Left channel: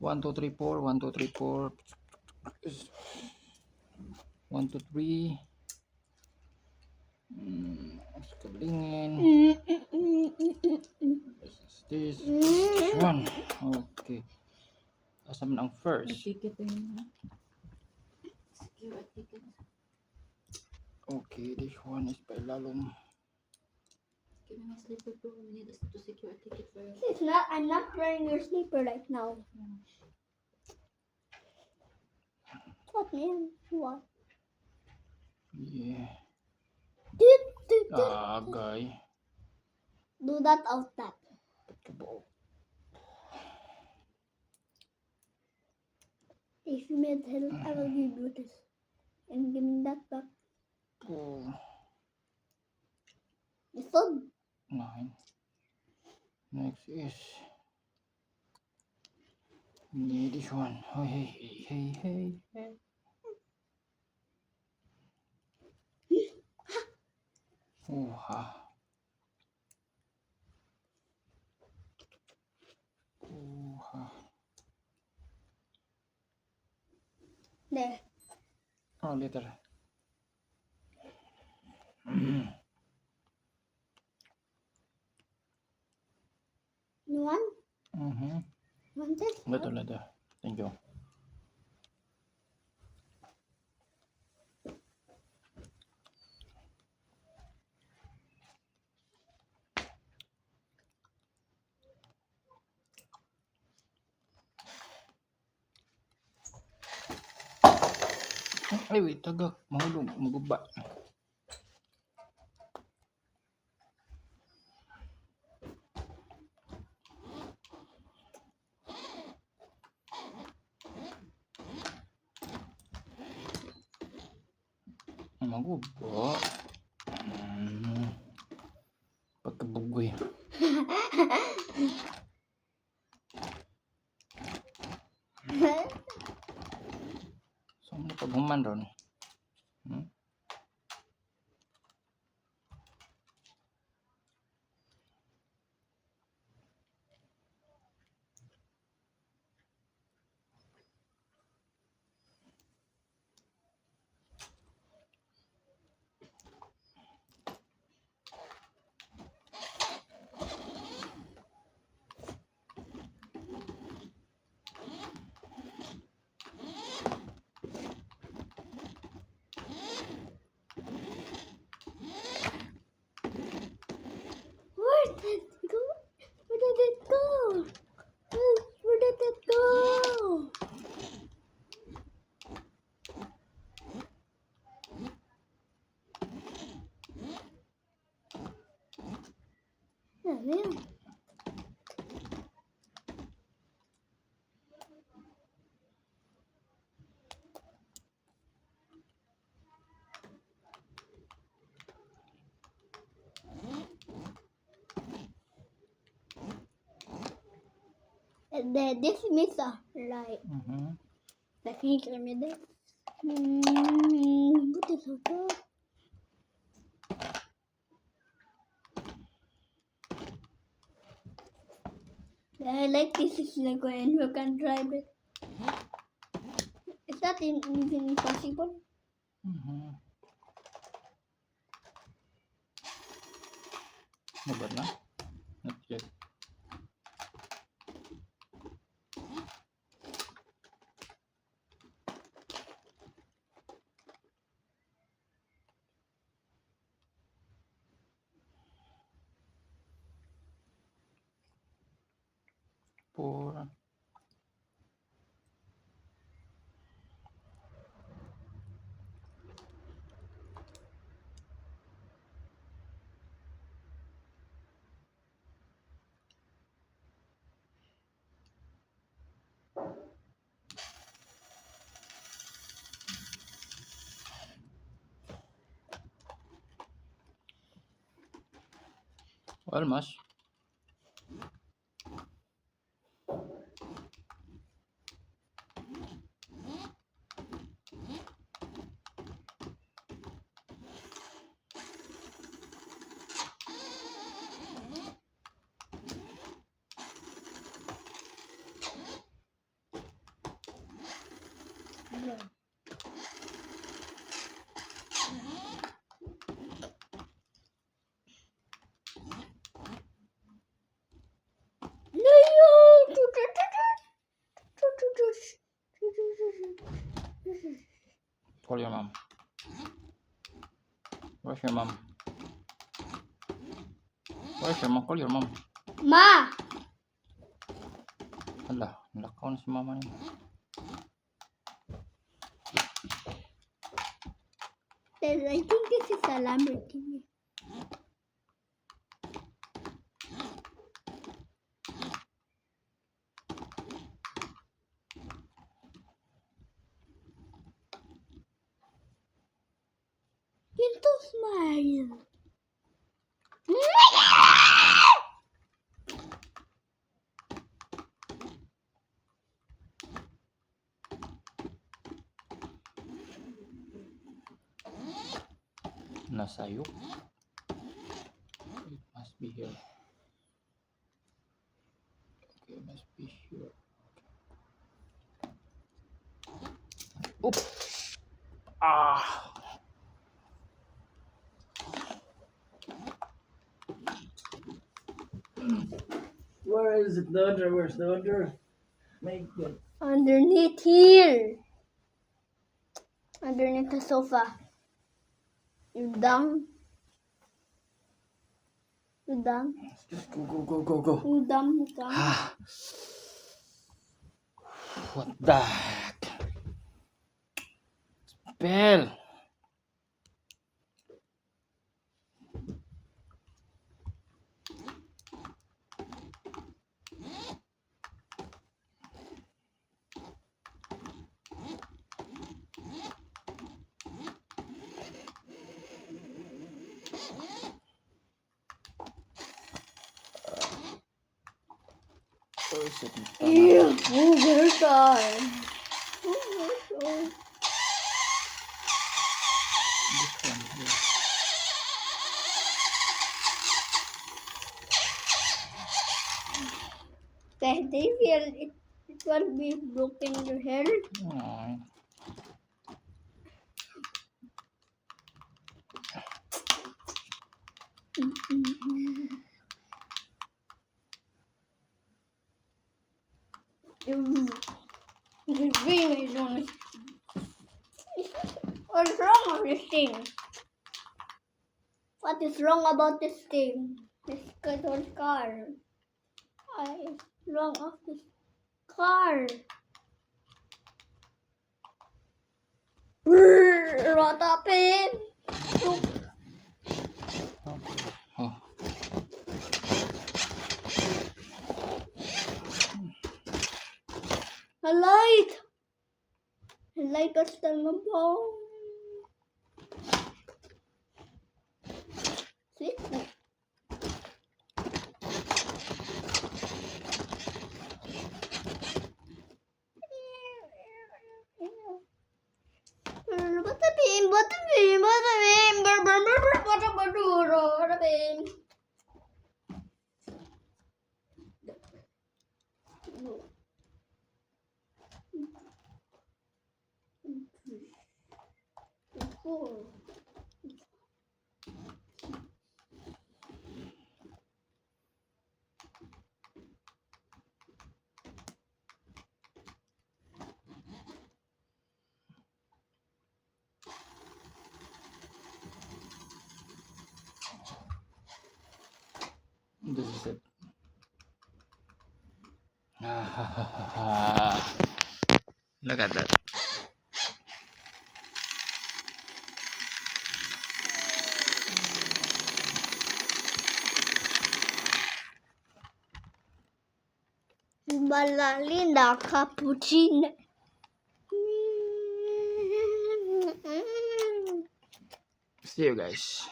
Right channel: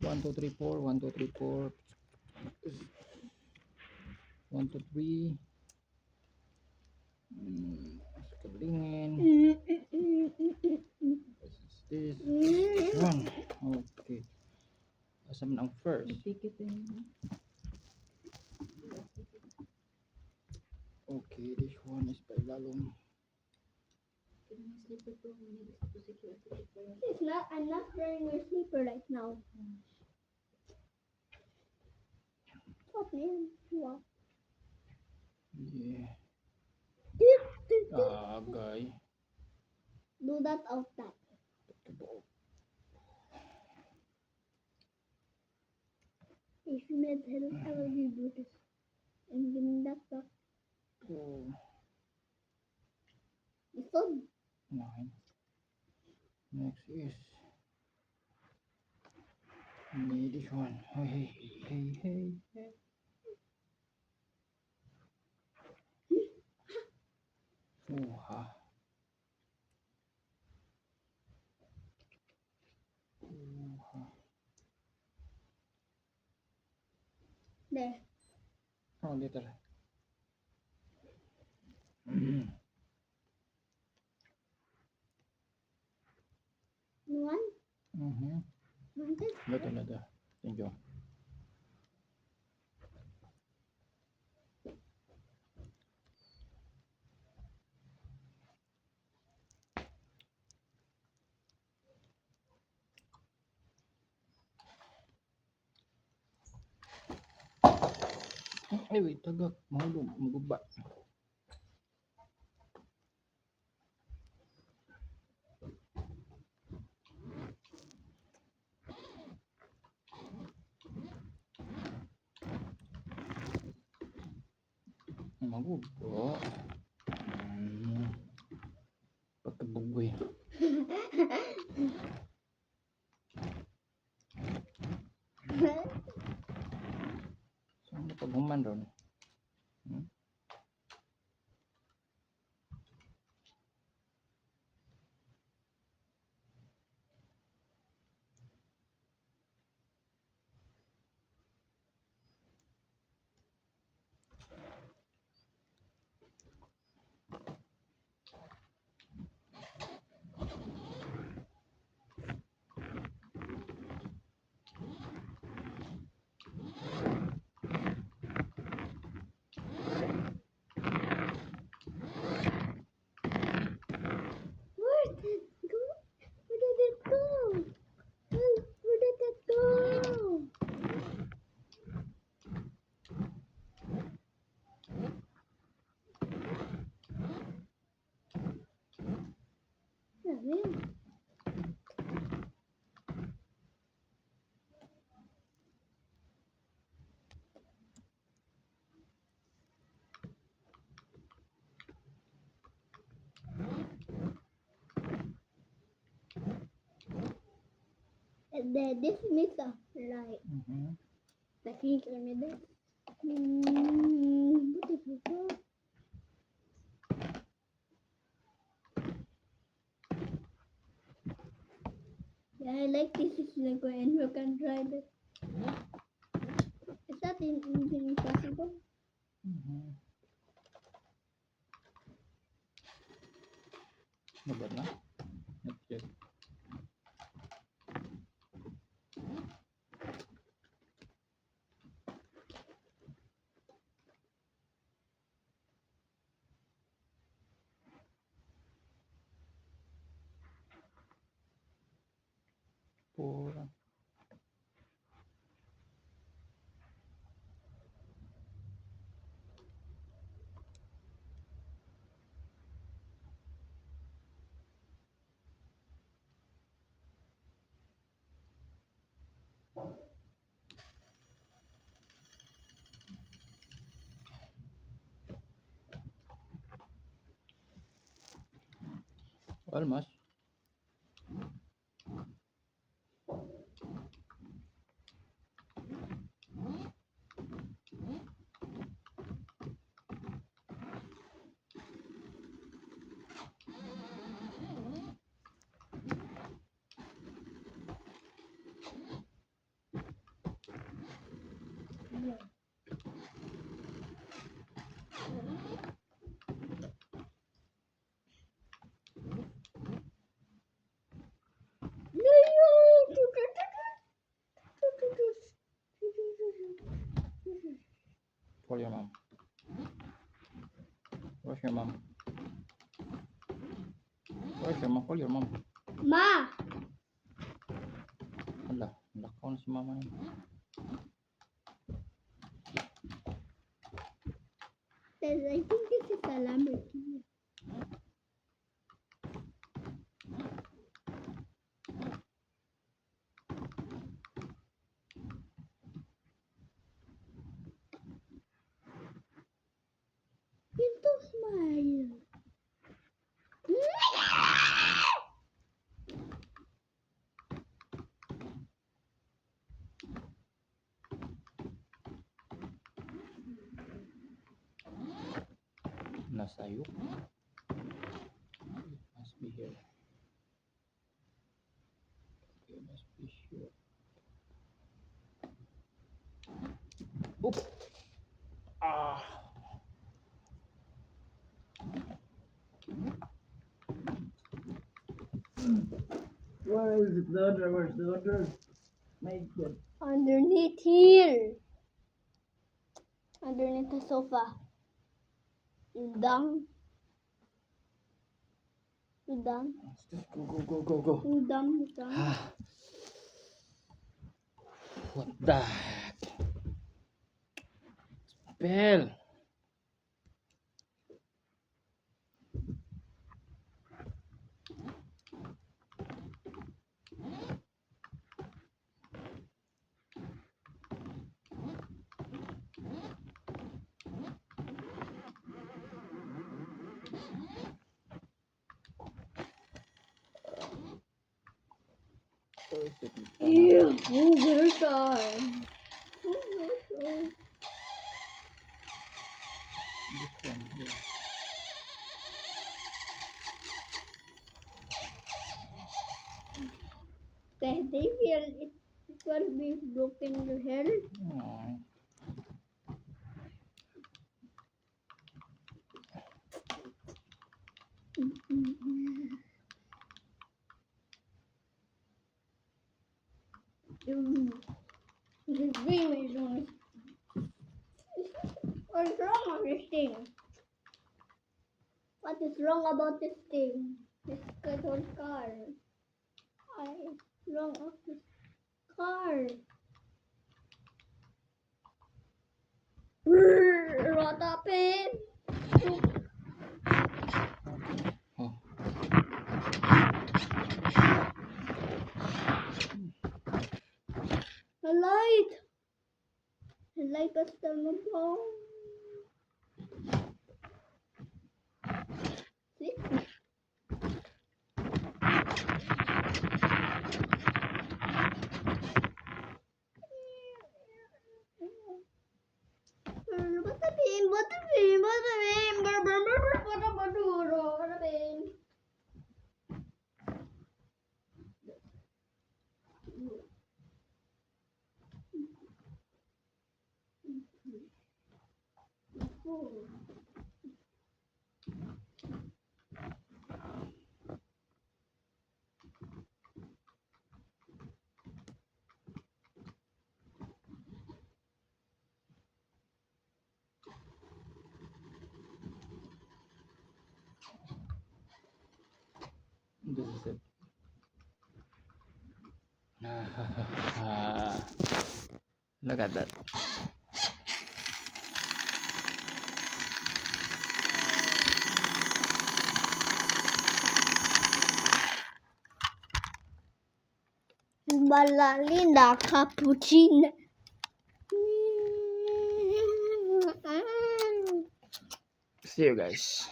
1, 2, 3, 4. 1, 2, 3, 4. 1, 2, 3. Kablingin. This one. Okay. Asa man ang first? Ticket yun. Okay, this one is pailalom. Slipper to we need to secure a ticket for It's not. I'm not wearing your sleeper right now. What, man? What? Yeah. Do Agay. that out that. Pagkabuo. If you made help, I will give you this. And give me that back. Oh, It's fun. 9. Next is this one. Oh, hey, hey, hey, hey. Oh, ha. Oh, ha. There. Oh, later. You want? Mm-hmm. Want it? Later, later. Thank you. Ay, wait, tagak. Mahulog, maguba. Maguba. Pagkabugoy. Saan mo paghuman ron? Where did it go? Where did it go? Where did it go? Yeah, yeah. And then this is right. Technically, me this. What is it? Yeah, I like this is like when you can drive it. Is that even possible? Mabad na? Not yet. Four. Almost. Call your mom. Where's your mom? Where's your mom? Call your mom. Ma! Hala, nalakaw na si mama niya. I think this is a Lamborghini. Pinto smile. Nasayok. It must be here. Okay, it must be here. Oop! Ah! Where is it, the other? Where's the other? Make it. Underneath here. Underneath the sofa. You dumb. You dumb. Let's just go. You dumb. You dumb. Ah. What the heck? Spell. Where is it? Ew. Oh, very tired. Oh, very tired. This one here. They feel it will be broken your hair. Aw. This thing is on. What's wrong with this thing? What is wrong about this thing? This little car. What is wrong of this car? What happened? Oh. A light. A light was the bomb. See? Bata beam, bata beam, bata beam, bata beam. This is it. Ah. Look at that. Ballerina cappuccino. See you guys.